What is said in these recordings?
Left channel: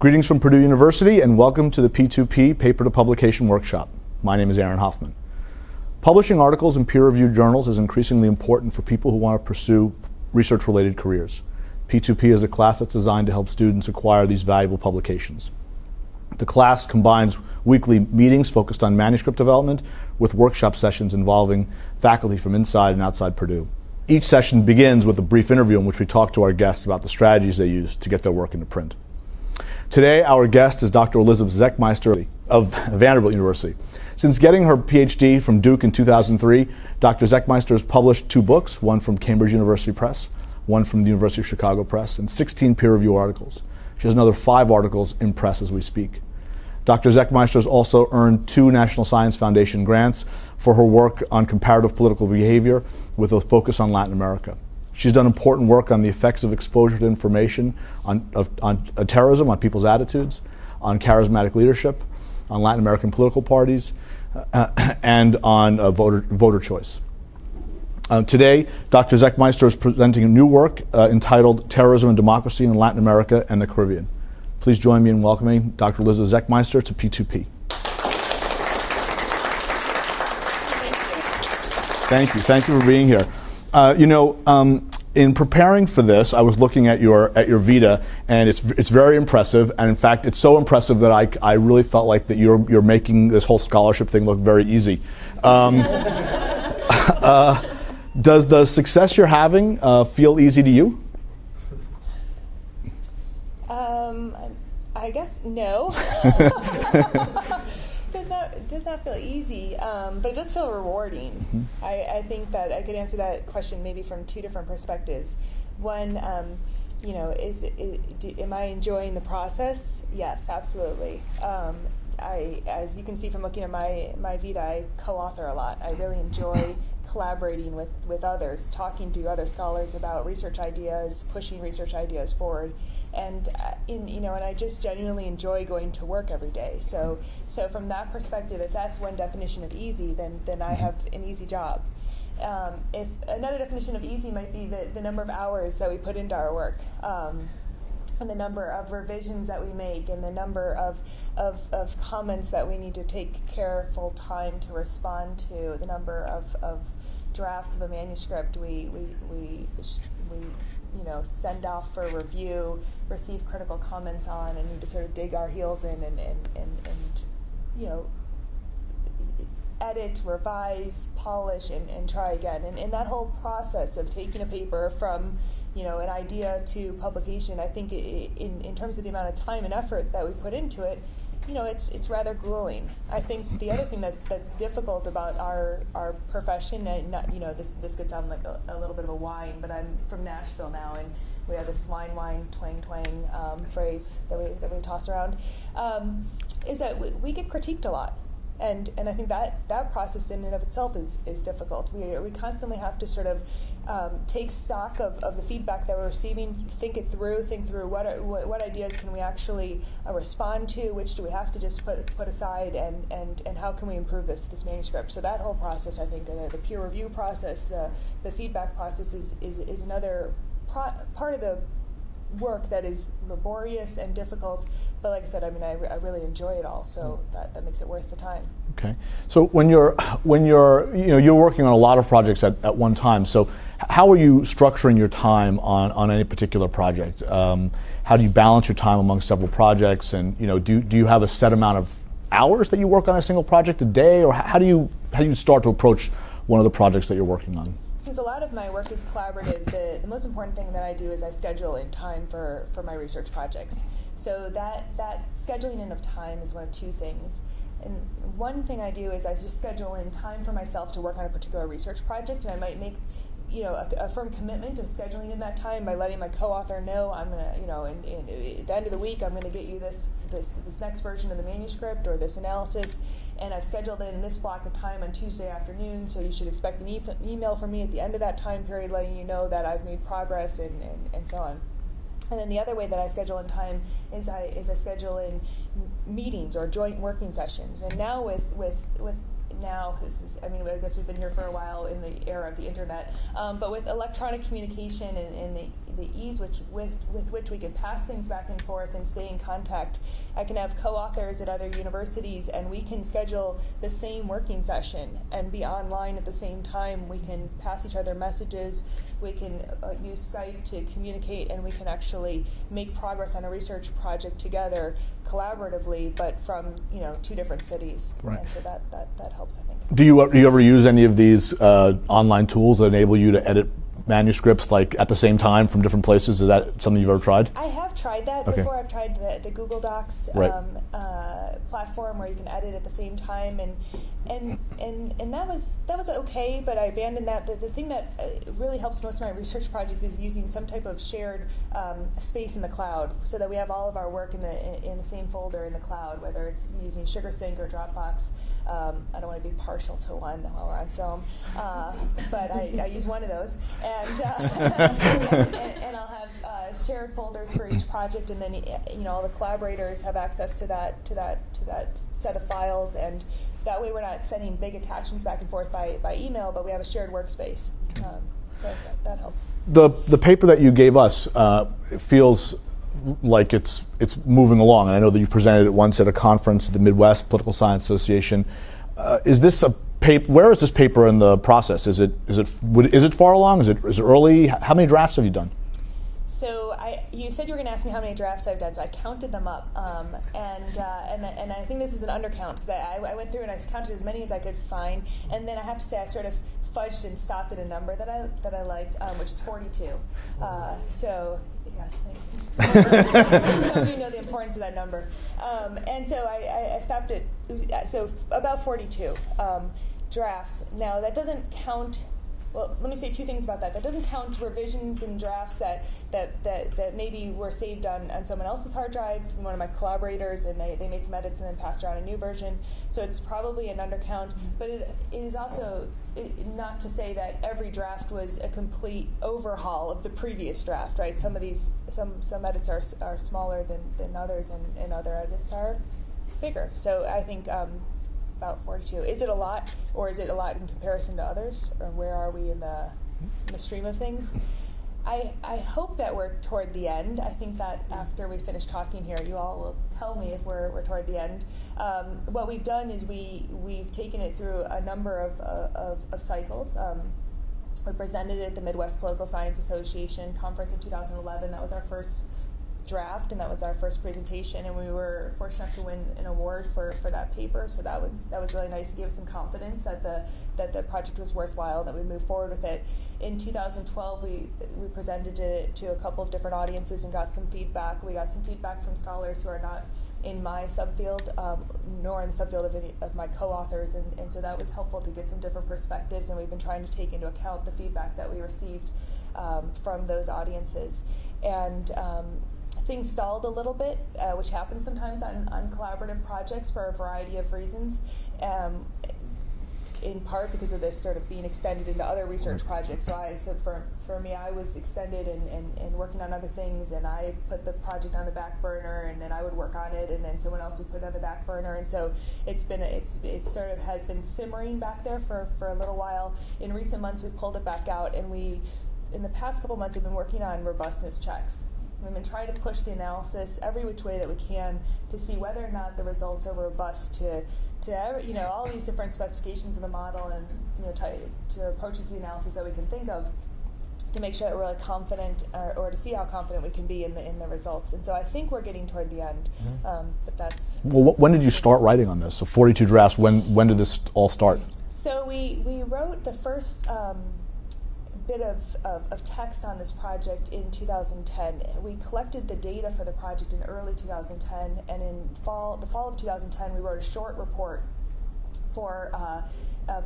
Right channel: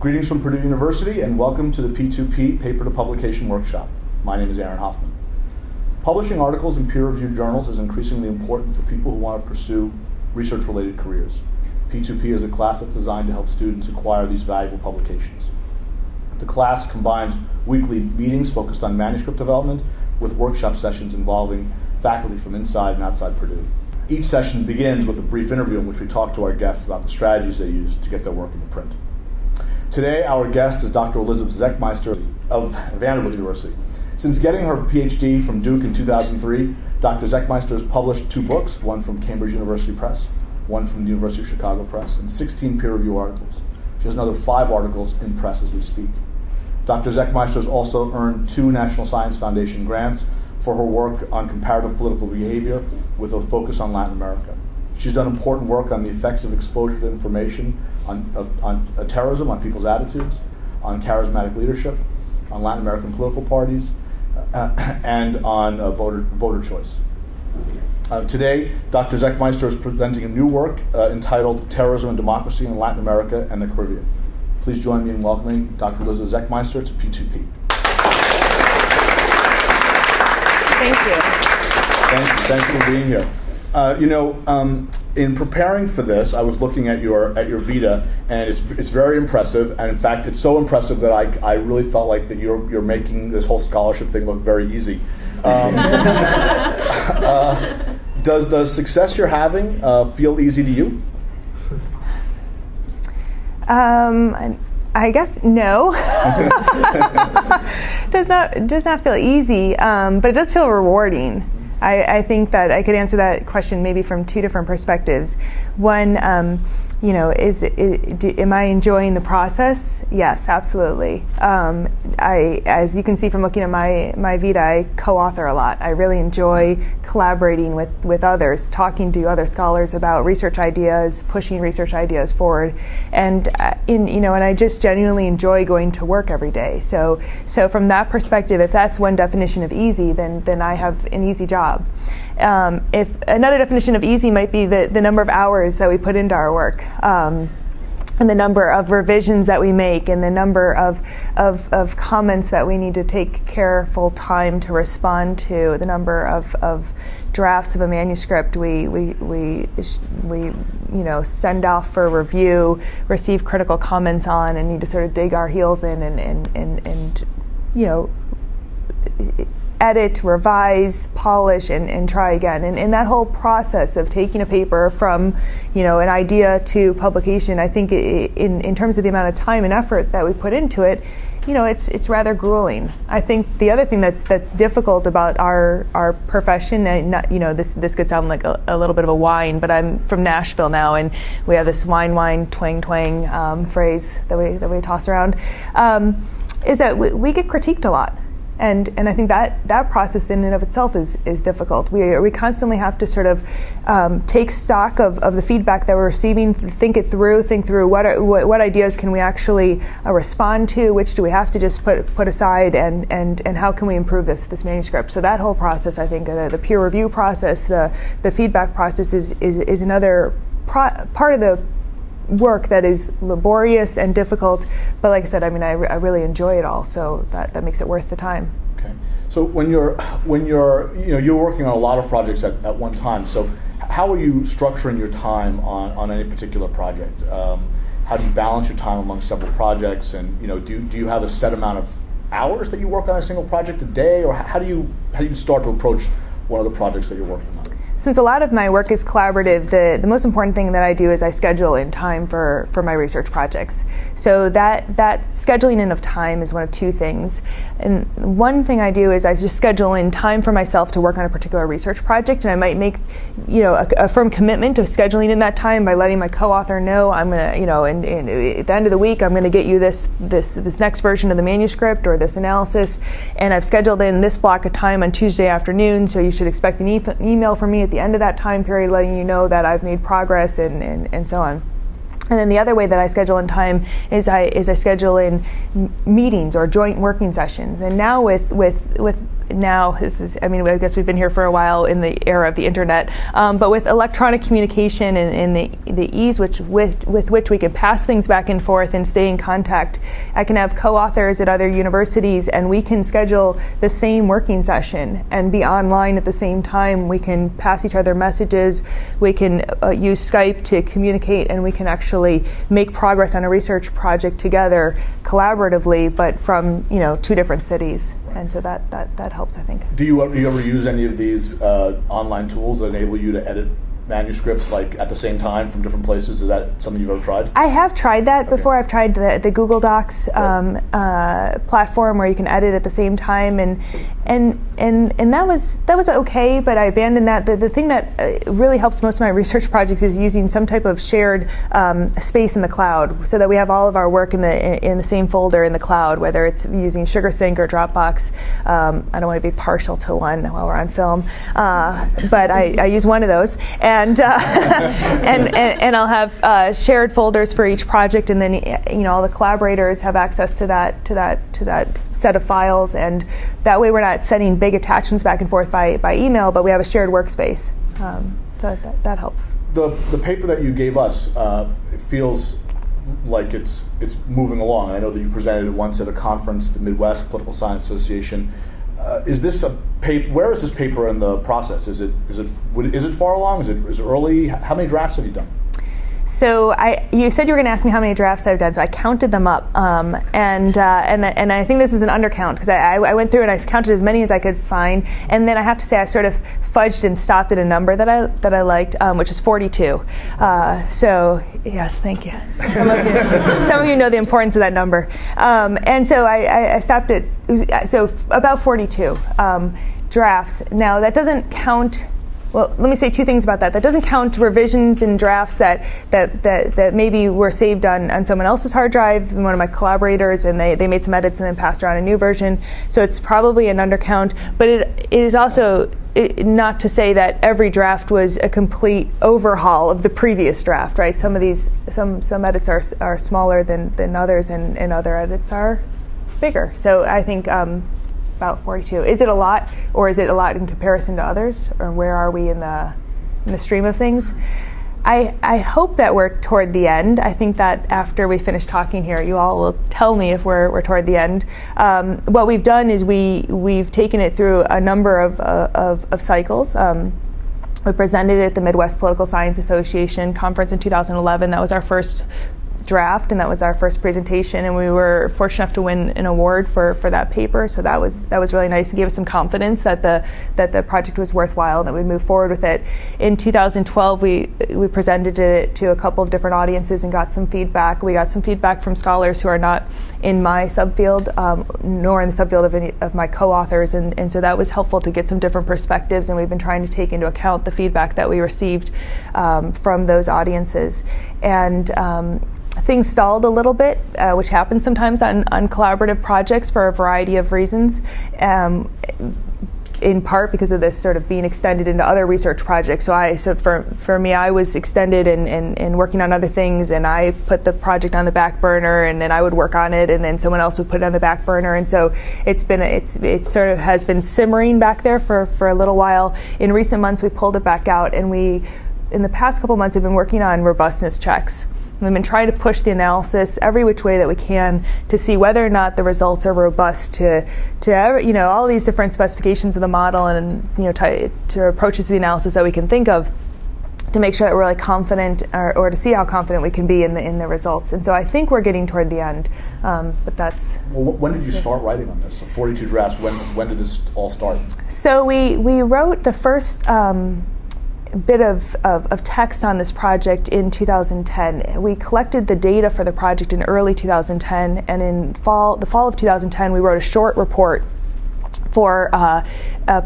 Greetings from Purdue University and welcome to the P2P Paper to Publication Workshop. My name is Aaron Hoffman. Publishing articles in peer-reviewed journals is increasingly important for people who want to pursue research-related careers. P2P is a class that's designed to help students acquire these valuable publications. The class combines weekly meetings focused on manuscript development with workshop sessions involving faculty from inside and outside Purdue. Each session begins with a brief interview in which we talk to our guests about the strategies they use to get their work into print. Today, our guest is Dr. Elizabeth Zechmeister of Vanderbilt University. Since getting her PhD from Duke in 2003, Dr. Zechmeister has published 2 books, one from Cambridge University Press, one from the University of Chicago Press, and 16 peer-reviewed articles. She has another 5 articles in press as we speak. Dr. Zechmeister has also earned 2 National Science Foundation grants for her work on comparative political behavior with a focus on Latin America. She's done important work on the effects of exposure to information on terrorism, on people's attitudes, on charismatic leadership, on Latin American political parties, and on voter choice. Today, Dr. Zechmeister is presenting a new work entitled Terrorism and Democracy in Latin America and the Caribbean. Please join me in welcoming Dr. Elizabeth Zechmeister to P2P. Thank you. Thank you for being here. In preparing for this, I was looking at your vita, and it's very impressive. And in fact, it's so impressive that I really felt like that you're making this whole scholarship thing look very easy. Does the success you're having feel easy to you? I guess no. Does not feel easy, but it does feel rewarding. I think that I could answer that question maybe from 2 different perspectives. One, am I enjoying the process? Yes, absolutely. As you can see from looking at my vita, I co-author a lot. I really enjoy collaborating with others, talking to other scholars about research ideas, pushing research ideas forward, and and I just genuinely enjoy going to work every day. So from that perspective, if that's one definition of easy, then I have an easy job. If another definition of easy might be the number of hours that we put into our work, and the number of revisions that we make, and the number of comments that we need to take careful time to respond to, the number of drafts of a manuscript we send off for review, receive critical comments on, and need to sort of dig our heels in and edit, revise, polish, and try again. And that whole process of taking a paper from an idea to publication, I think in terms of the amount of time and effort that we put into it, it's rather grueling. I think the other thing that's difficult about our profession, and not, this could sound like a little bit of a whine, but I'm from Nashville now, and we have this whine, twang phrase that we toss around, is that we get critiqued a lot. And I think that process in and of itself is difficult. We constantly have to sort of take stock of the feedback that we're receiving, think through what ideas can we actually respond to, which do we have to just put aside, and how can we improve this manuscript. So that whole process, I think, the peer review process, the feedback process is another part of the work that is laborious and difficult, but like I said, I really enjoy it all, so that makes it worth the time. Okay. So when you're working on a lot of projects at one time, so how are you structuring your time on any particular project? How do you balance your time among several projects, and do you have a set amount of hours that you work on a single project a day, or how do you start to approach one of the projects that you're working on? Since a lot of my work is collaborative, the most important thing that I do is I schedule in time for my research projects. So that scheduling in of time is one of 2 things. And one thing I do is I just schedule in time for myself to work on a particular research project, and I might make a firm commitment to scheduling in that time by letting my co-author know I'm gonna and at the end of the week I'm gonna get you this next version of the manuscript or this analysis, and I've scheduled in this block of time on Tuesday afternoon, so you should expect an email from me at the end of that time period letting you know that I've made progress, and so on. And then the other way that I schedule in time is I schedule in meetings or joint working sessions. And now with now, I mean, I guess we've been here for a while in the era of the internet, but with electronic communication and the ease with which we can pass things back and forth and stay in contact, I can have co-authors at other universities, and we can schedule the same working session and be online at the same time. We can pass each other messages, we can use Skype to communicate, and we can actually make progress on a research project together collaboratively, but from two different cities. Right. And so that helps, I think. Do you ever use any of these online tools that enable you to edit manuscripts like at the same time from different places? Is that something you've ever tried? I have tried that before. I've tried the Google Docs platform where you can edit at the same time, and that was okay, but I abandoned that. The thing that really helps most of my research projects is using some type of shared space in the cloud, so that we have all of our work in the same folder in the cloud, whether it's using SugarSync or Dropbox. I don't want to be partial to one while we're on film, but I use one of those. And I'll have shared folders for each project, and then all the collaborators have access to that set of files, and that way we're not sending big attachments back and forth by email, but we have a shared workspace. So that helps. The paper that you gave us it feels like it's moving along, and I know that you've presented it once at a conference at the Midwest Political Science Association. Is this a paper? Where is this paper in the process? Is it far along? Is it early? How many drafts have you done? So you said you were going to ask me how many drafts I've done, so I counted them up, and I think this is an undercount, because I went through and I counted as many as I could find, and then I have to say I sort of fudged and stopped at a number that I liked, which is 42. So yes, thank you. Some of you know the importance of that number, and so I stopped at about 42 drafts. Now that doesn't count. Well, let me say two things about that. That doesn't count revisions and drafts that maybe were saved on someone else's hard drive, one of my collaborators, and they made some edits and then passed around a new version. So it's probably an undercount. But it is also not to say that every draft was a complete overhaul of the previous draft, right? Some of these, some edits are smaller than others, and other edits are bigger. So I think about 42. Is it a lot, or is it a lot in comparison to others, or where are we in the stream of things? I hope that we're toward the end. I think that after we finish talking here, you all will tell me if we're toward the end. What we've done is we've taken it through a number of cycles. We presented it at the Midwest Political Science Association conference in 2011. That was our first draft, and that was our first presentation, and we were fortunate enough to win an award for that paper. So that was really nice to give us some confidence that the project was worthwhile, that we'd move forward with it. In 2012, we presented it to a couple of different audiences and got some feedback. We got some feedback from scholars who are not in my subfield, nor in the subfield of any of my co-authors, and so that was helpful to get some different perspectives, and we've been trying to take into account the feedback that we received from those audiences. And things stalled a little bit, which happens sometimes on collaborative projects for a variety of reasons, in part because of this sort of being extended into other research projects. So for me, I was extended and working on other things, and I put the project on the back burner, and then I would work on it, and then someone else would put it on the back burner, and so it sort of has been simmering back there for a little while. In recent months, we pulled it back out, and in the past couple months, have been working on robustness checks. We've been trying to push the analysis every which way that we can to see whether or not the results are robust to all these different specifications of the model, and to approaches to the analysis that we can think of, to make sure that we're really confident, or to see how confident we can be in the results. And so I think we're getting toward the end, but that's. Well, when did you start writing on this? So 42 drafts. When did this all start? So we wrote the first bit of text on this project in 2010. We collected the data for the project in early 2010, and in the fall of 2010, we wrote a short report for a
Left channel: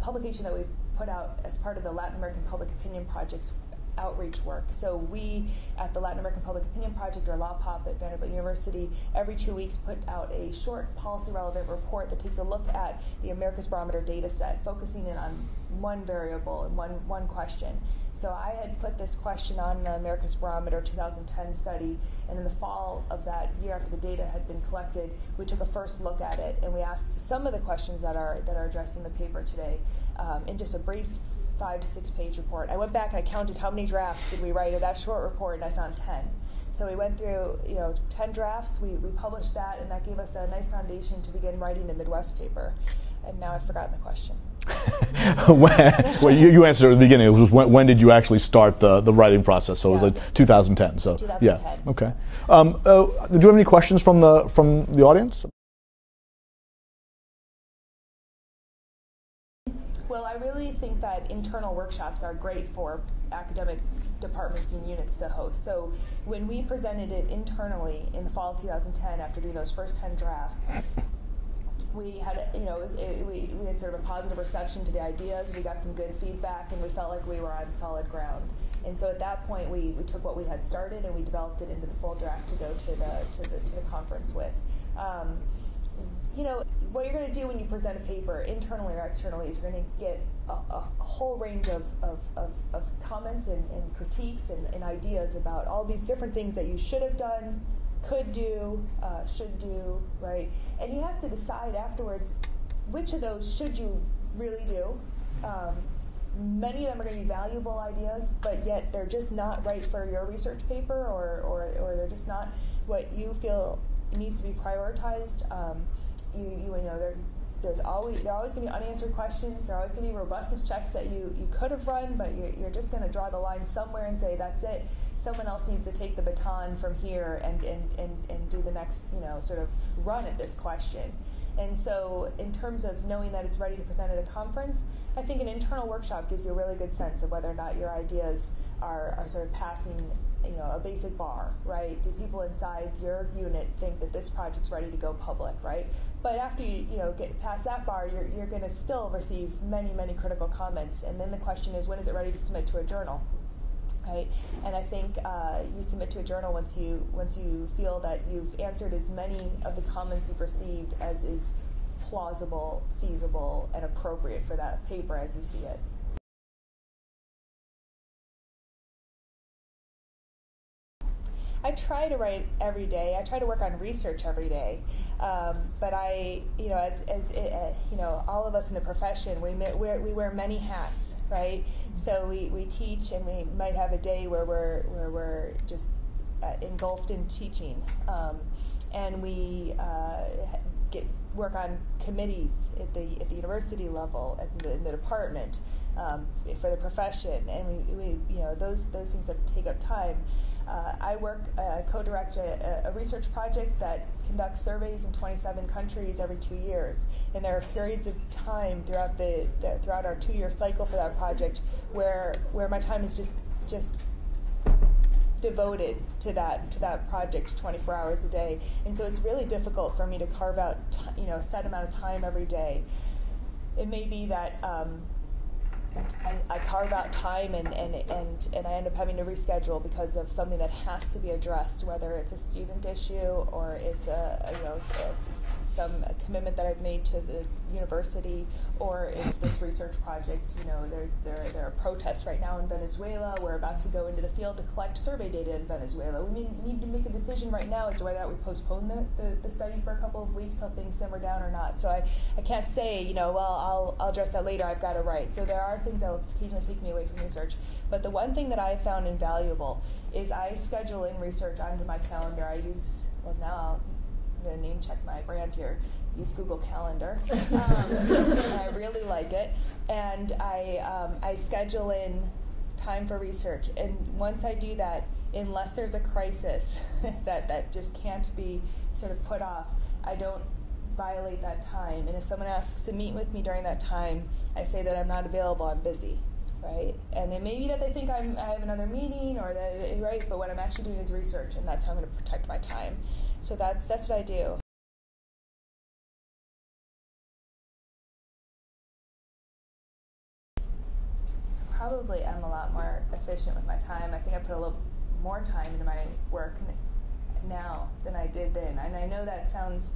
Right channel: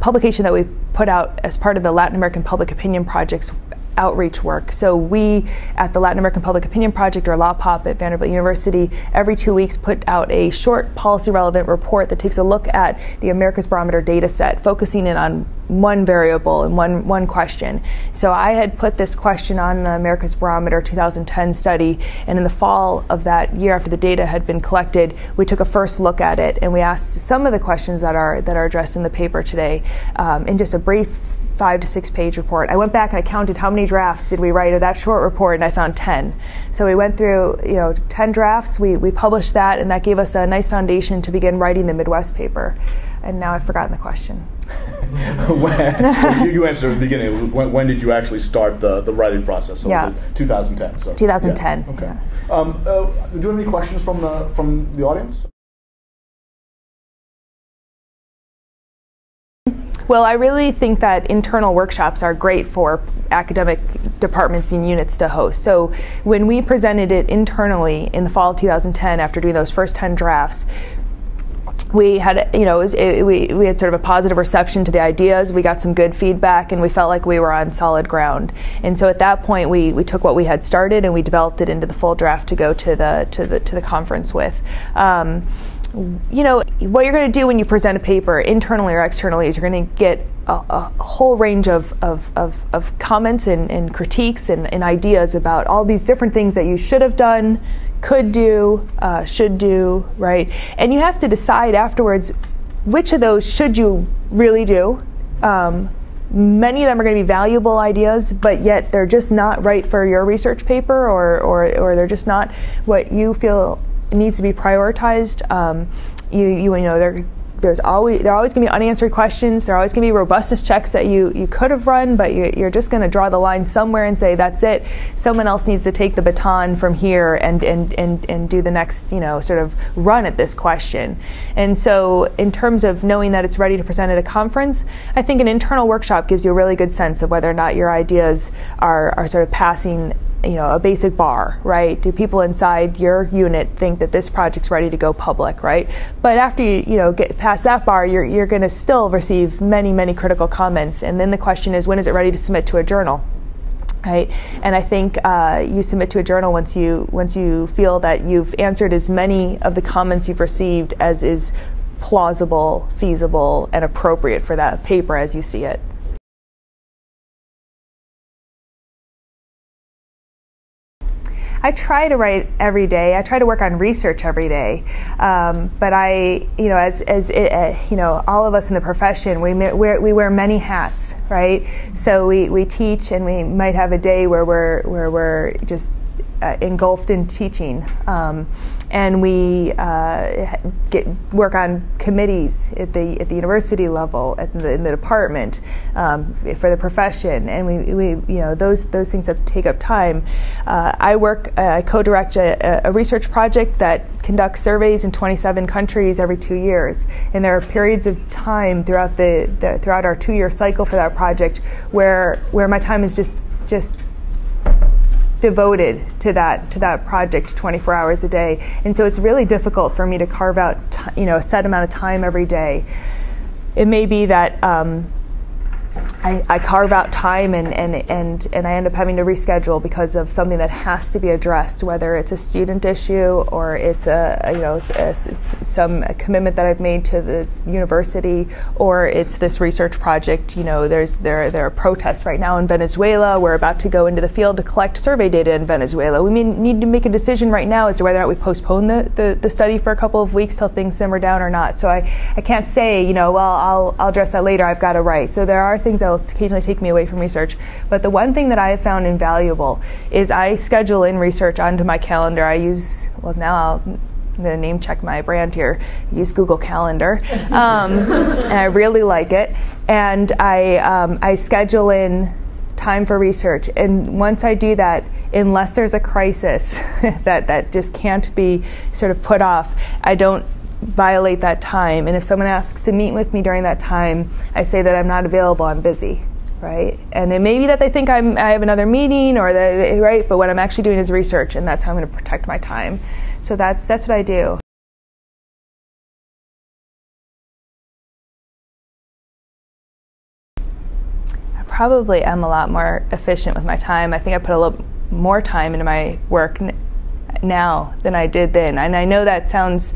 publication that we put out as part of the Latin American Public Opinion Project's outreach work. So we, at the Latin American Public Opinion Project, or LAPOP at Vanderbilt University, every 2 weeks put out a short policy-relevant report that takes a look at the America's Barometer data set, focusing in on one variable and one question. So I had put this question on the America's Barometer 2010 study, and in the fall of that year, after the data had been collected, we took a first look at it, and we asked some of the questions that are addressed in the paper today in just a brief 5 to 6 page report. I went back and I counted how many drafts did we write of that short report, and I found 10. So we went through 10 drafts, we published that, and that gave us a nice foundation to begin writing the Midwest paper. And now I've forgotten the question. You answered at the beginning. It was when did you actually start the writing process? So yeah. Was it 2010? So 2010. Yeah. Okay. Yeah. Do you have any questions from the audience? Well, I really think that internal workshops are great for academic departments and units to host. So when we presented it internally in the fall of 2010, after doing those first 10 drafts, we had, we had sort of a positive reception to the ideas. We got some good feedback, and we felt like we were on solid ground. And so at that point, we took what we had started and we developed it into the full draft to go to the conference with. What you're going to do when you present a paper, internally or externally, is you're going to get a whole range of comments and critiques and ideas about all these different things that you should have done, could do, should do, right? And you have to decide afterwards which of those should you really do. Many of them are going to be valuable ideas, but yet they're just not right for your research paper, or they're just not what you feel needs to be prioritized. There are always going to be unanswered questions. There are always going to be robustness checks that you could have run, but you're just going to draw the line somewhere and say that's it. Someone else needs to take the baton from here and do the next sort of run at this question. And so, in terms of knowing that it's ready to present at a conference, I think an internal workshop gives you a really good sense of whether or not your ideas are sort of passing a basic bar, right? Do people inside your unit think that this project's ready to go public, right? But after you get past that bar, you're going to still receive many critical comments, and then the question is, when is it ready to submit to a journal? Right, and I think you submit to a journal once you feel that you've answered as many of the comments you've received as is plausible, feasible, and appropriate for that paper as you see it. I try to write every day. I try to work on research every day, but all of us in the profession, we wear many hats, right? So we teach, and we might have a day where we're just engulfed in teaching, and we work on committees at the university level, in the department, for the profession, and we those things take up time. I co-direct a research project that conducts surveys in 27 countries every 2 years, and there are periods of time throughout our 2-year cycle for that project where my time is just devoted to that project 24 hours a day, and so it's really difficult for me to carve out a set amount of time every day. It may be that I carve out time and I end up having to reschedule because of something that has to be addressed, whether it's a student issue or it's some commitment that I've made to the university, or it's this research project. There are protests right now in Venezuela. We're about to go into the field to collect survey data in Venezuela. We may need to make a decision right now as to whether or not we postpone the study for a couple of weeks till things simmer down or not. So I can't say, well, I'll address that later. I've got to write. So there are things that will occasionally take me away from research. But the one thing that I have found invaluable is I schedule in research onto my calendar. I'm going to name check my brand here. I use Google Calendar, and I really like it. And I schedule in time for research. And once I do that, unless there's a crisis that just can't be sort of put off, I don't violate that time. And if someone asks to meet with me during that time, I say that I'm not available, I'm busy, right? And it may be that they think I have another meeting, right? But what I'm actually doing is research, and that's how I'm going to protect my time. So that's what I do. probably am a lot more efficient with my time. I think I put a little more time into my work now than I did then. And I know that sounds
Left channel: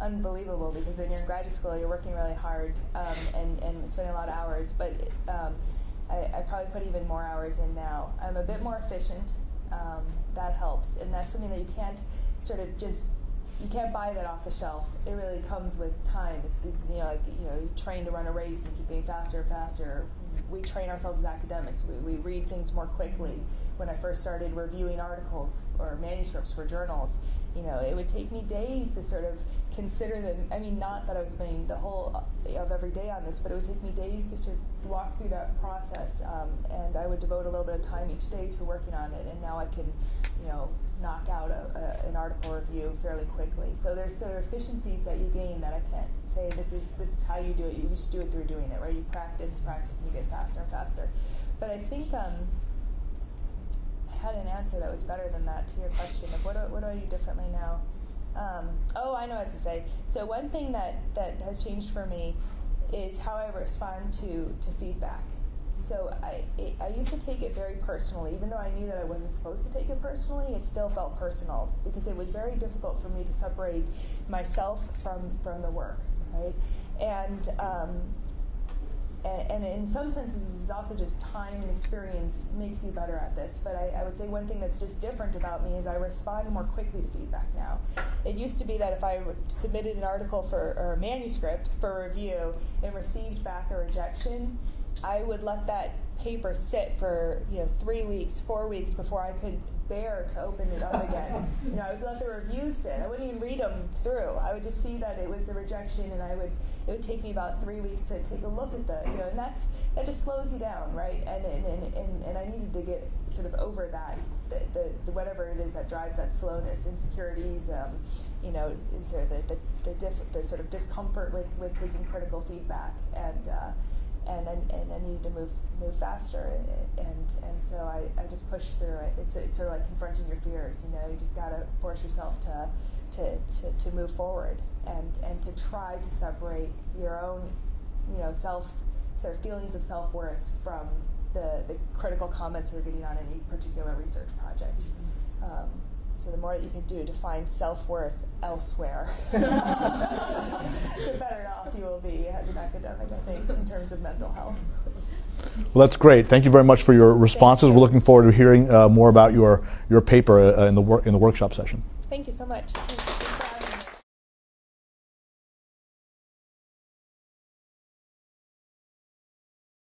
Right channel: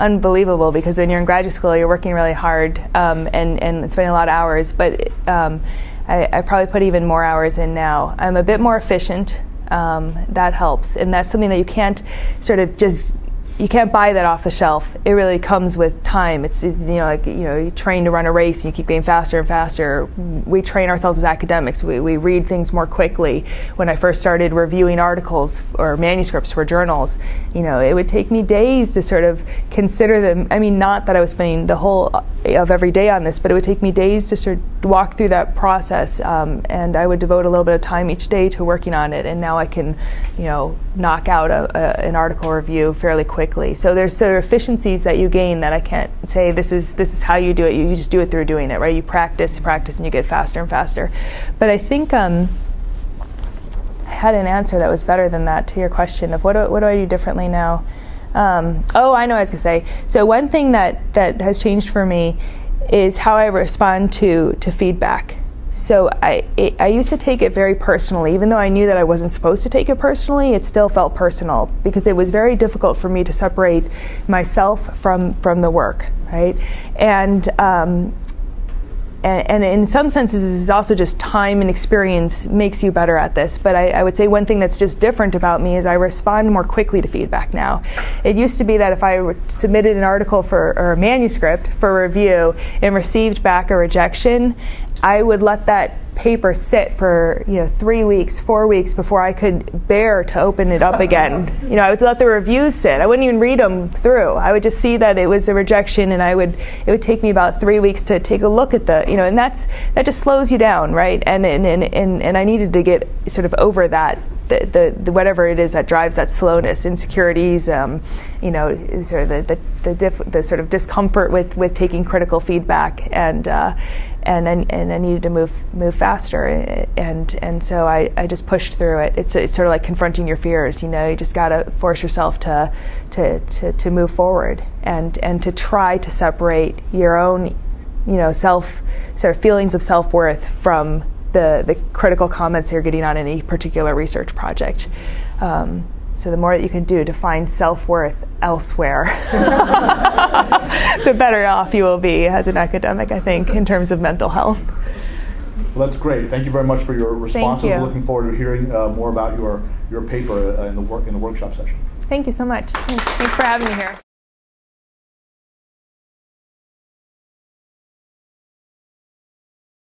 unbelievable, because when you're in graduate school, you're working really hard and spending a lot of hours. But I probably put even more hours in now. I'm a bit more efficient. That helps, and that's something that you can't sort of just. You can't buy that off the shelf. It really comes with time. It's like you train to run a race and you keep getting faster and faster. We train ourselves as academics. We read things more quickly. When I first started reviewing articles or manuscripts for journals, it would take me days to sort of consider them. I mean, not that I was spending the whole of every day on this, but it would take me days to sort of walk through that process. And I would devote a little bit of time each day to working on it. And now I can, knock out an article review fairly quickly. So there's sort of efficiencies that you gain that I can't say this is how you do it. You just do it through doing it, right? You practice, and you get faster and faster. But I think I had an answer that was better than that to your question of what do I do differently now? Oh, I know what I was going to say. So one thing that has changed for me is how I respond to feedback. So I used to take it very personally. Even though I knew that I wasn't supposed to take it personally, it still felt personal, because it was very difficult for me to separate myself from the work, right? And in some senses, it's also just time and experience makes you better at this. But I would say one thing that's just different about me is I respond more quickly to feedback now. It used to be that if I submitted an article or a manuscript for review and received back a rejection, I would let that paper sit for 3 weeks, 4 weeks before I could bear to open it up again. I would let the reviews sit. I wouldn't even read them through. I would just see that it was a rejection, and it would take me about 3 weeks to take a look at and that just slows you down, right? And I needed to get sort of over that. The whatever it is that drives that slowness, insecurities, sort of the sort of discomfort with taking critical feedback, and I needed to move faster, and so I just pushed through it. It's sort of like confronting your fears. You just got to force yourself to move forward and to try to separate your own sort of feelings of self-worth from the critical comments you're getting on any particular research project. So the more that you can do to find self-worth elsewhere, the better off you will be as an academic, I think, in terms of mental health. Well, that's great. Thank you very much for your responses. We're looking forward to hearing more about your paper in the workshop session. Thank you so much. Thanks for having me here.